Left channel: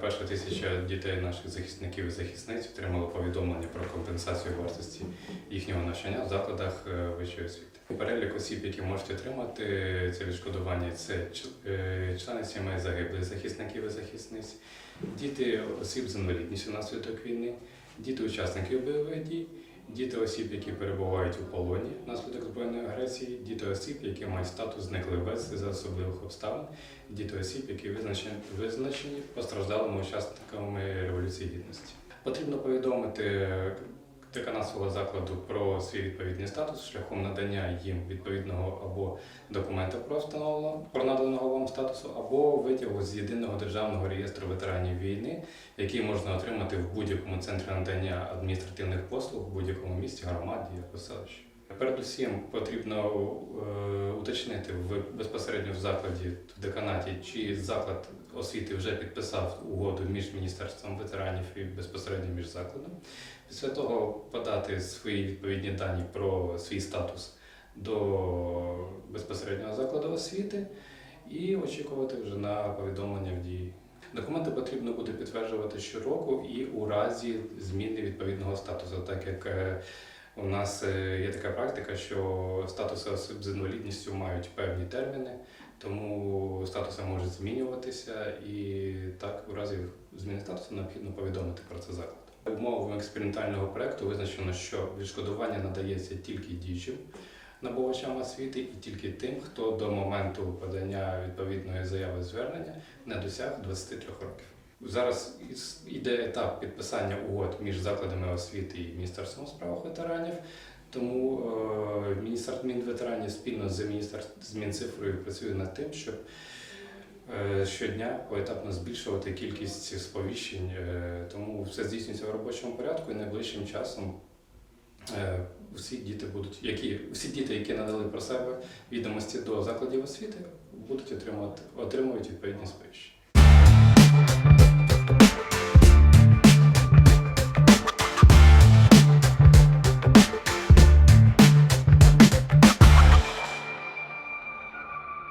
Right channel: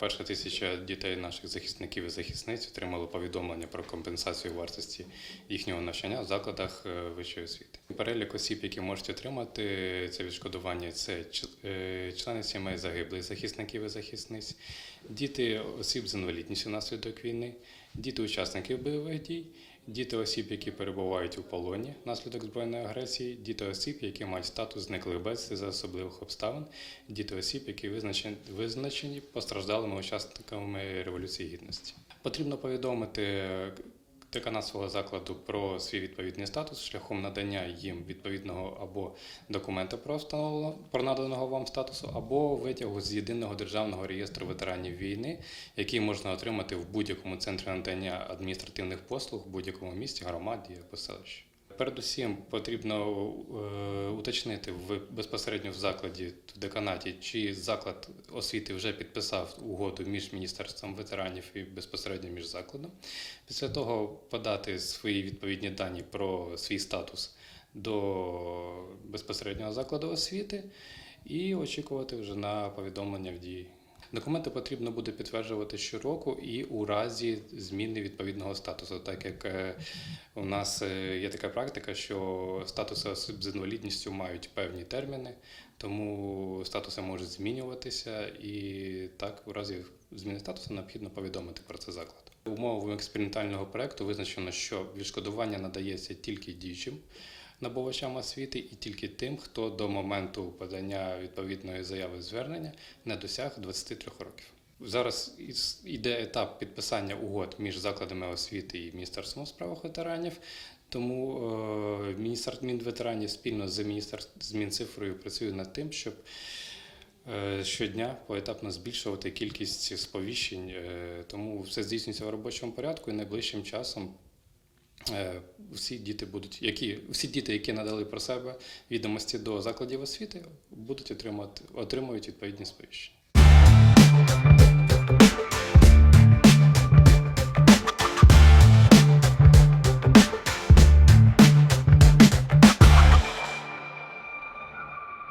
перша тисяча дітей наших захисників і захисниць отримали повідомлення про компенсацію вартості їхнього навчання в закладах е, вищої освіти. Перелік осіб, які можуть отримати це відшкодування, це е, члени сімей загиблих захисників і захисниць, діти осіб з інвалідністю внаслідок війни, діти учасників бойових дій, діти осіб, які перебувають у полоні внаслідок збройної агресії, діти осіб, які мають статус зниклих без за особливих обставин, діти осіб, які визначені, визначені постраждалими учасниками Революції Гідності. Потрібно повідомити деканат свого закладу про свій відповідний статус шляхом надання їм відповідного або документа про встановлено про наданого статусу, або витягу з єдиного державного реєстру ветеранів війни, який можна отримати в будь-якому центрі надання адміністративних послуг в будь-якому місті, громаді або селищі. Передусім потрібно е, уточнити в безпосередньо в закладі в деканаті, чи заклад освіти вже підписав угоду між міністерством ветеранів і безпосередньо між закладом. Після того подати свої відповідні дані про свій статус до безпосереднього закладу освіти і очікувати вже на повідомлення в дії. Документи потрібно буде підтверджувати щороку і у разі зміни відповідного статусу, так як е, у нас е, є така практика, що статуси осіб з інвалідністю мають певні терміни, тому статуси можуть змінюватися, і так у разі зміни статусу необхідно повідомити про це заклад. Умовами експериментального проекту визначено, що відшкодування надається тільки діючим набувачам освіти і тільки тим, хто до моменту подання відповідної заяви звернення не досяг 23 років. Зараз іде етап підписання угод між закладами освіти і Міністерством справах ветеранів. Тому е, міністерство Мінветеранів спільно з Мінцифрою працює над тим, щоб е, щодня поетапно збільшувати кількість сповіщень. Е, тому все здійснюється в робочому порядку і найближчим часом. Е, всі діти будуть, які всі діти, які надали про себе відомості до закладів освіти, будуть отримувати отримують відповідні сповіщення.